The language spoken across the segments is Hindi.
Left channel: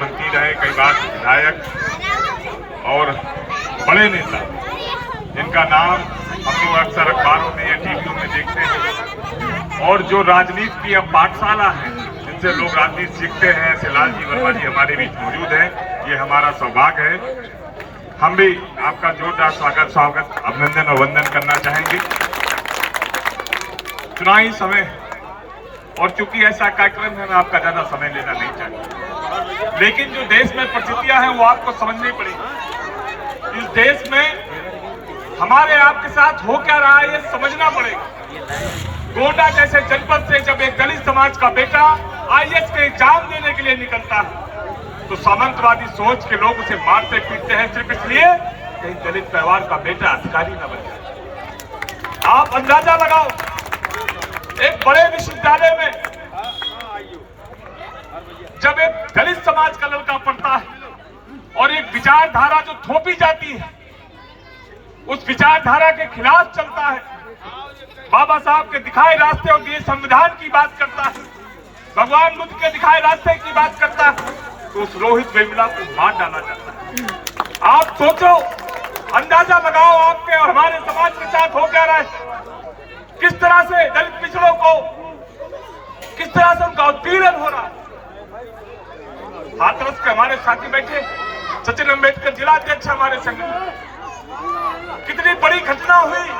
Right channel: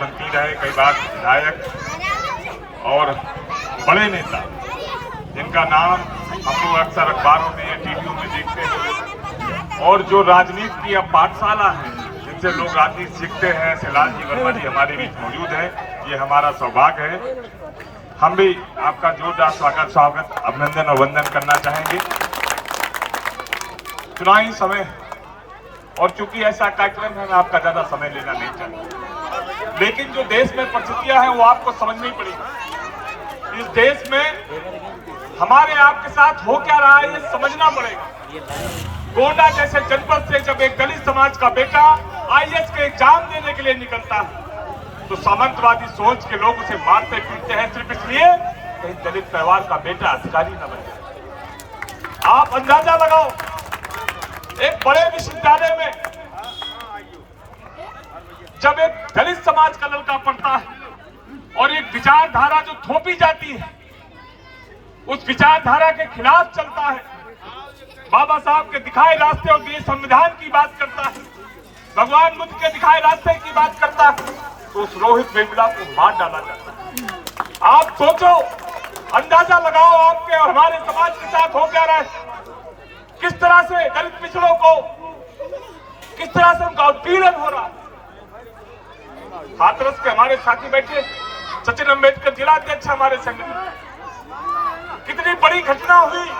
मंत्री रहे, कई बार विधायक और बड़े नेता जिनका नाम हम लोग अक्सर अखबारों में या टीवियों में देखते हैं, और जो राजनीति की अब पाठशाला है जिनसे लोग राजनीति सीखते हैं, ऐसे लालजी वर्मा जी हमारे बीच मौजूद है। ये हमारा सौभाग्य है। हम भी आपका जोरदार स्वागत अभिनंदन और वंदन करना चाहेंगे। चुनावी समय और चूंकि ऐसा कार्यक्रम है, मैं आपका ज्यादा समय लेना नहीं चाहिए, लेकिन जो देश में परिस्थितियां हैं वो आपको समझनी पड़ेगी। इस देश में हमारे आपके साथ हो क्या रहा है ये समझना पड़ेगा। गोंडा जैसे जनपद से जब एक दलित समाज का बेटा आईएएस के एग्जाम देने के लिए निकलता है तो सामंतवादी सोच के लोग उसे मारते पीटते हैं सिर्फ इसलिए कहीं दलित परिवार का बेटा अधिकारी न बन जाए। आप अंदाजा लगाओ, एक बड़े विश्वविद्यालय में जब एक दलित समाज का लड़का पढ़ता है और एक विचारधारा जो थोपी जाती है उस विचारधारा के खिलाफ चलता है, बाबा साहब के दिखाए रास्ते और ये संविधान की बात करता है, भगवान बुद्ध के दिखाए रास्ते की बात करता है, तो उस रोहित वेमुला को मार डाला जाता है। आप सोचो, अंदाजा लगाओ आपके और हमारे समाज के साथ हो क्या रहा है। किस तरह से दलित पिछड़ों को, किस तरह से उनका उत्पीड़न हो रहा है। हाथरस के हमारे साथी बैठे सचिन अम्बेडकर जिला अध्यक्ष हमारे संघ, कितनी बड़ी घटना हुई।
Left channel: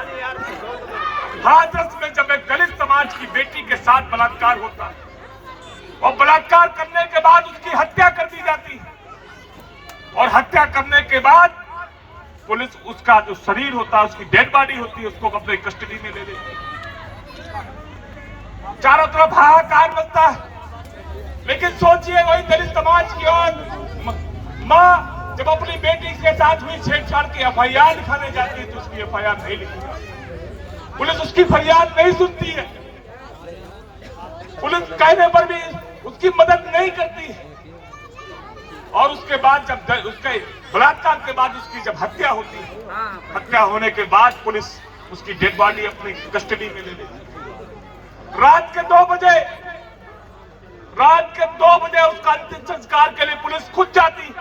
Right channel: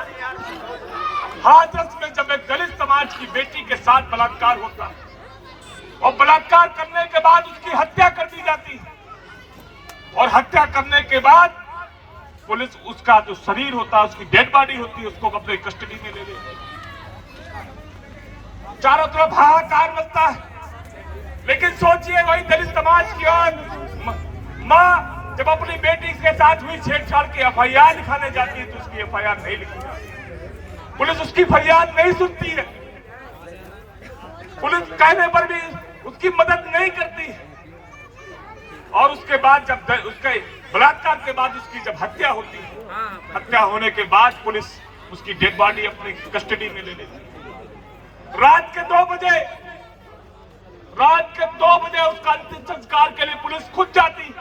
हाथरस में जब एक दलित समाज की बेटी के साथ बलात्कार होता है और बलात्कार करने के बाद उसकी हत्या कर दी जाती है और हत्या करने के बाद पुलिस उसका जो शरीर होता है, उसकी डेड बॉडी होती है, उसको अपने कस्टडी में ले लेती है। चारों तरफ हाहाकार मचता है। लेकिन सोचिए, वही दलित समाज की और मां जब अपनी बेटी के साथ हुई छेड़छाड़ की एफआईआर लिखाने जाती है तो उसकी एफआईआर नहीं लिखी, पुलिस उसकी फरियाद नहीं सुनती है, पुलिस कहने पर भी उसकी मदद नहीं करती है। और उसके बाद जब उसके बलात्कार के बाद उसकी जब हत्या होती है, हत्या होने के बाद पुलिस उसकी डेड बॉडी अपनी कस्टडी में ले लेती है। रात के 2 बजे उसका अंतिम संस्कार के लिए पुलिस खुद जाती है।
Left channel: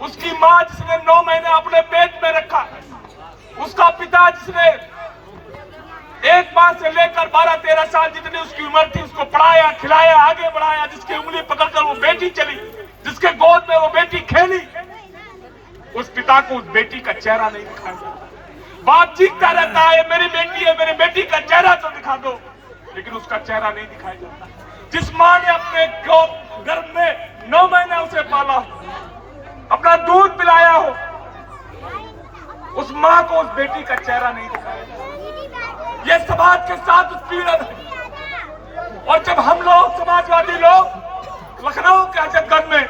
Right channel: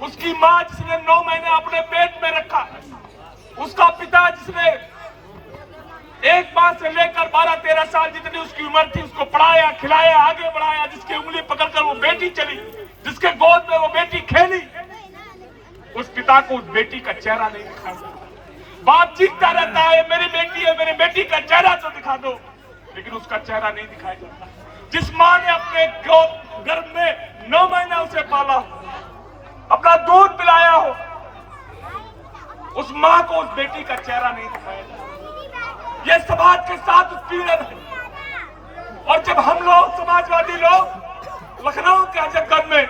उसकी मां जिसने 9 महीने अपने पेट में रखा, उसका पिता जिसने एक माह से लेकर 12-13 साल जितनी उसकी उम्र थी उसको पढ़ाया, खिलाया, आगे बढ़ाया, जिसकी उंगली पकड़कर वो बेटी चली, जिसके गोद में वो बेटी खेली, उस पिता को उस बेटी का चेहरा नहीं दिखाया जाता। बाप चीखता रहता है, मेरी बेटी है, मेरी बेटी का चेहरा तो दिखा दो, लेकिन उसका चेहरा नहीं दिखाया जाता। जिस मां ने अपने गर्भ में 9 महीने उसे पाला हो, अपना दूध पिलाया हो, उस मां को उस बेटी का चेहरा नहीं दिखाया जाता। ये समाज के साथ उत्पीड़न है। और जब हम लोग समाजवादी लोग लखनऊ के अजयगंज में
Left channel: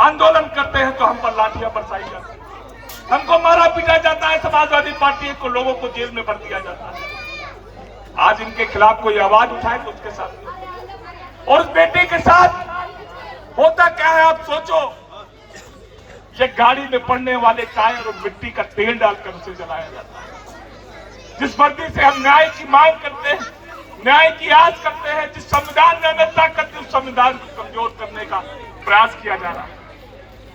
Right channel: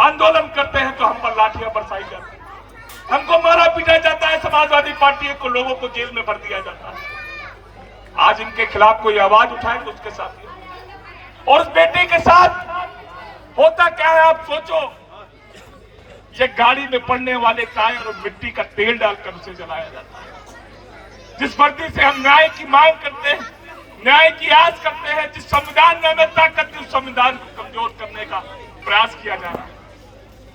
आंदोलन करते हैं तो हम पर लाठियां बरसाई जाती है, हमको मारा पीटा जाता है, समाजवादी पार्टी को लोगों को जेल में भर दिया जाता है। आज इनके खिलाफ कोई आवाज उठाए तो उसके साथ, और उस बेटे के साथ होता क्या है आप सोचो। ये गाड़ी में पड़ने वाले टायर और मिट्टी का तेल डालकर उसे जलाया जाता है। जिस वर्दी से हम न्याय की मांग करते हैं, न्याय की आस करते हैं, जिस संविधान में हमें ताकत थी, उस संविधान को कमजोर करने का प्रयास किया जा रहा है।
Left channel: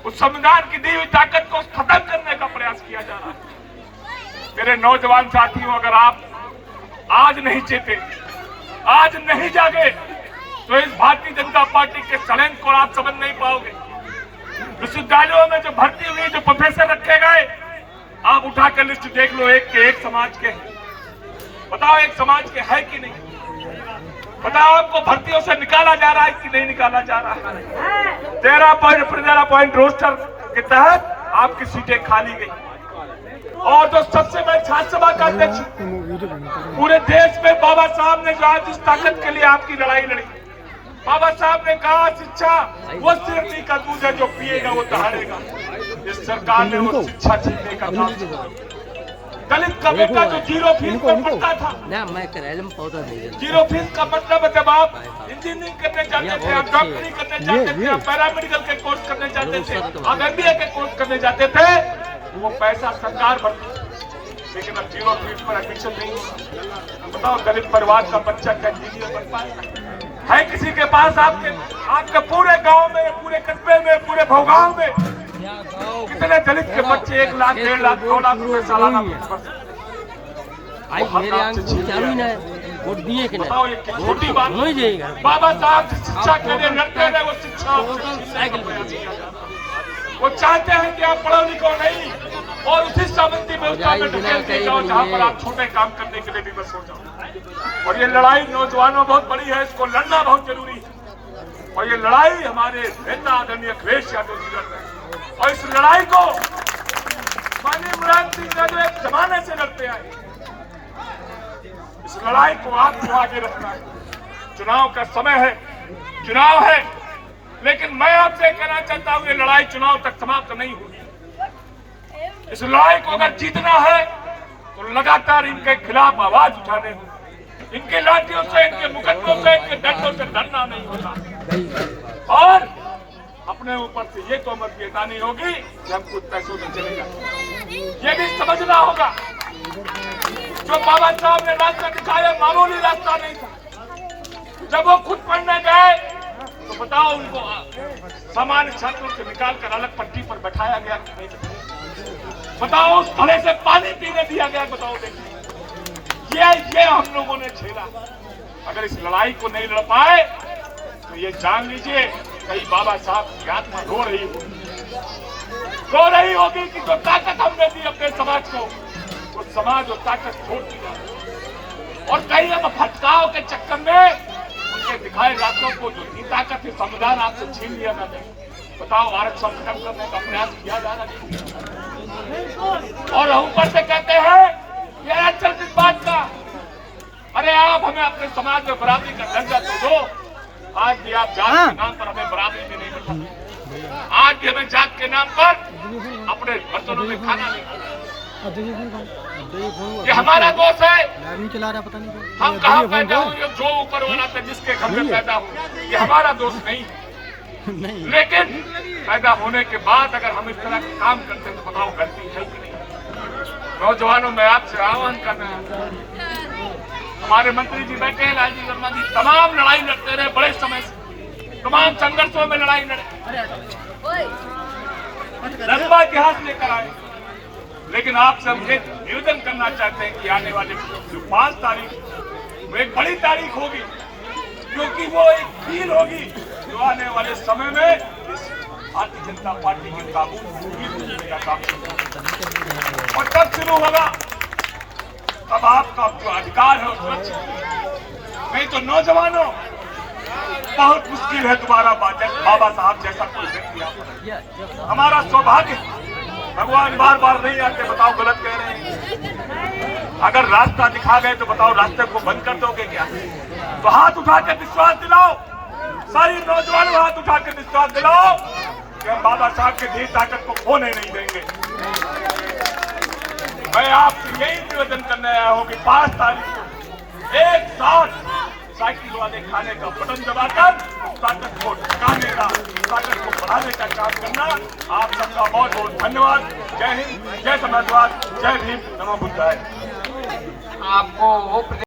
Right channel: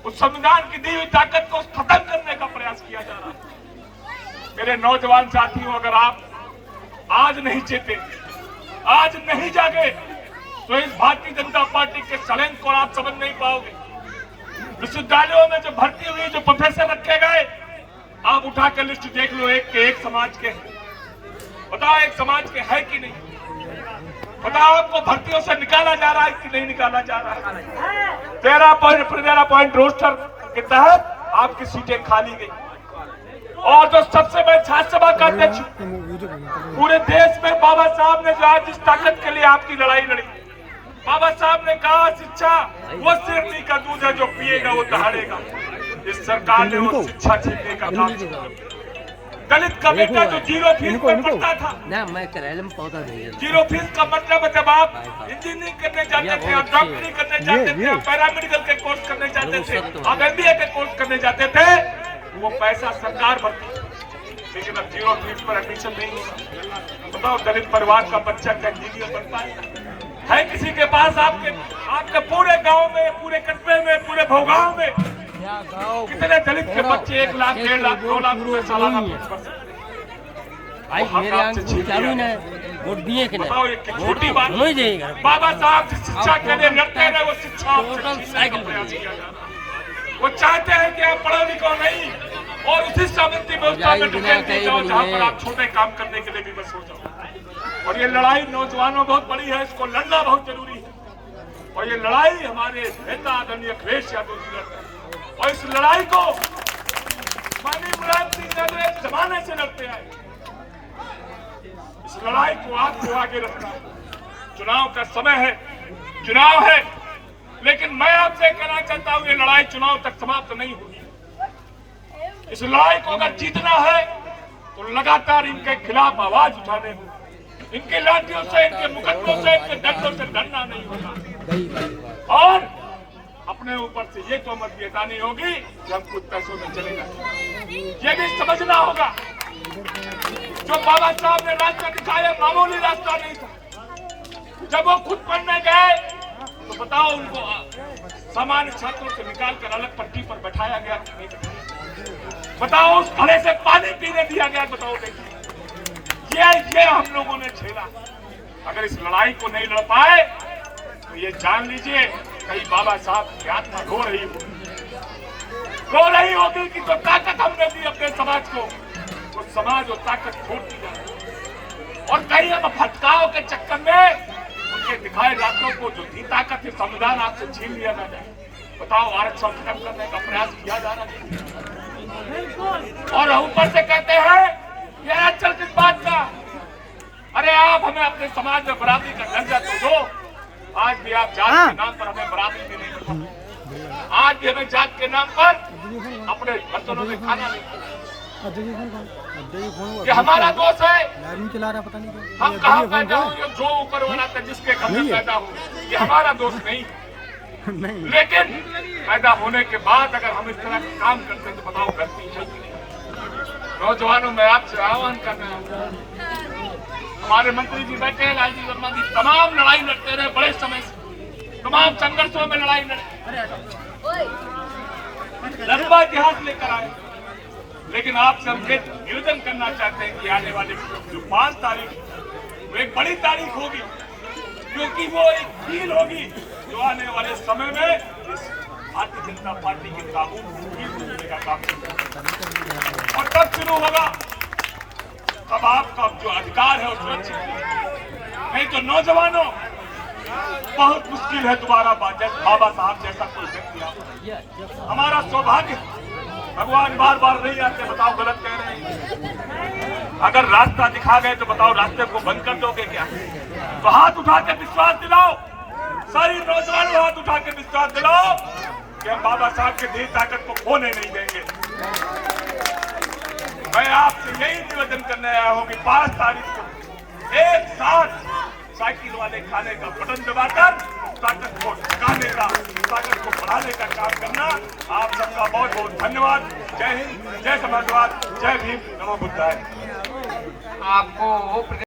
उस संविधान की दी हुई ताकत को खत्म करने का प्रयास किया जा रहा है। मेरे नौजवान साथियों, अगर आप आज नहीं चेते, आज नहीं जागे, तो इस भारतीय जनता पार्टी के षड्यंत्र को आप समझ नहीं पाओगे। विश्वविद्यालयों में जो भर्ती हुई, जो प्रोफेसर रखे गए, आप उठाकर लिस्ट देख लो, एक के एक समाज के। बताओ एक समाज के है कि नहीं? बताओ आपको भर्तियों से निकाला जा रहा है कि नहीं निकाला जा रहा है? 13 पॉइंट रोस्टर के तहत आपकी सीटें खाली गई। और जो सबसे बड़े छात्र सभा का अध्यक्ष पूरे देश में, बाबा साहब ने जो आज इस ताकत के लिए आपकी लड़ाई लड़ी, बाबा साहब ने कहा शिक्षा वो सिरनी का दूध है, जो पिएगा वो दहाड़ेगा। इस सरकार ने वो शिक्षा छीनने का काम किया। दलित का बेटा जो 0 फीस में पढ़ता था, 0 फीस का मतलब जब आप इंजीनियरिंग करने जाते थे, आप डॉक्टरी करने जाते थे, आप पैरामेडिकल के कोर्स करने जाते थे, आप MBA के कोर्स करने जाते थे, वो पैसा सरकार भरती। लेकिन अब 0 फीस पर एडमिशन नहीं होगा। बताओ दलित परिवार का बच्चा क्या इंजीनियर बन पाएगा? है किसी के पास आपके पूरे गांव में, पूरे कस्बे में, पूरे भोगांव में कितने दलित के बच्चे 1 लाख, 1.5 लाख, 2 लाख रुपए सालाना फीस भर सकते? बताओ, ये छोटी बात। बाबा साहब शिक्षा के लिए लड़ते रहे, वो शिक्षा वो चाहते हैं कि आप पढ़ो लिखो नहीं और उसी सामंती व्यवस्था में ढकेलते जाओ जहां पर आप छोटे काम करने के लिए भी बस हो जाओ। और ये लड़ाई नौजवानों बहुत बड़ी है, इसको लड़ना बहुत जरूरी है। और ये लड़ाई हमारे नेता आदरणीय अखिलेश यादव जी लड़ रहे हैं और इस लड़ाई को माननीय मुलायम सिंह यादव एक जमाने से लड़ते आए। इस लड़ाई को आपको आगे रखना है। चुनाव का समय है, चुनाव है, लेकिन मैं आपसे कहना चाहता हूं ये लड़ाई चुनाव तक समाप्त नहीं होगी। इस लड़ाई को अगर जीतना है तो लगातार इनके खिलाफ आवाज उठाने होगी। इनके लाठियों से, इनके मुकदमों से, इनके डंडों से डरना नहीं होगा और अपने ऊपर से ये तोहमत भी हटानी होगी कि हम कुछ पैसों में चले जाए। ये भी समझना होगा जो बाबा साहब ने रास्ता दिखाया मामूली रास्ता नहीं था। जब वो खुद पढ़ने गए तो बताओ उनको सामान्य छात्रों से निकालकर अलग पट्टी पर बैठाया गया कि नहीं बैठाया? बताओ उस घड़े से पानी पीने दिया गया? बताओ ये हम लोगों ने झेला। अगर इस लड़ाई को नहीं लड़ पाए तो ये जान लीजिए कहीं बाबा साहब की आत्मा रो रही होगी कि जो ताकत हमने दी अपने समाज को, वो समाज और ताकत छोड़ दी जाए और कहीं हम भटकाव के चक्कर में उनके दिखाए रास्तों को जो थी ताकत है संविधान आपसे छीन लिया ना जाए। बताओ आरक्षण खत्म करने का प्रयास किया जा रहा है और ऊपर से कहते हैं ये आरक्षण किस बात का? अरे आप हमें अपने समाज में बराबरी का दर्जा तो दो। आज भी आप जात के नाम पर हमें बराबरी भी नहीं मिलती। आज भी हमें जात के नाम पर अपने बर्तनों में खाना नहीं मिलता। ये हमारा दोष है। हम कहाँ पैदा हुए, जो ऊपर वाला था जिसके घर में पैदा हुए, ये हमारा दोष नहीं है। लेकिन पैदा होने के बाद अगर हम इस तरह का काम करते तो बताओ गलती है कि नहीं? नौजवानों में आपसे आह्वान करना है। हमारे मंत्री जी बैठे हैं, लालजी वर्मा जी, तमाम लड़ाई लड़ते रहे बड़े समय से, तमाम संघर्षों में लड़ाई लड़े, लंबा इतिहास लेकर आए। लेकिन आप सबसे निवेदन करना चाहते हैं कि आने वाले जो 5 तारीख वो एक बड़ी तारीख होगी, क्योंकि वो एक कील होगी जो आने वाले समय में इस भारतीय जनता पार्टी के काबू का काम और तब शुरू होगा, तब आपका जो अधिकार है वो सुरक्षित। नहीं तो नौजवानों बहुत मुश्किल है दोबारा बाबा साहब जैसा कोई व्यक्ति। हमारा सौभाग्य भगवान बार बार नहीं आते। बताओ गलत कह रहे हैं? अगर रास्ता दिखा गए तो बताओ रास्ते को बंद कर दोगे क्या? तो हाथ उठा के विश्वास दिलाओ, सारी नौजवानों हाथ उठा के विश्वास दिलाओ कि हम बाबा साहब के दी ताकत को खोने नहीं देंगे। मैं आपसे यही निवेदन करने आया हूँ कि 5 तारीख को एक साथ साइकिल वाले खाने का बटन दबाकर ताकत को टिकाने का, ताकत को बढ़ाने का काम करना। आप सबका बहुत बहुत धन्यवाद। जय हिंद, जय समाजवाद, जय भीम, नमो बुद्धाय। आपको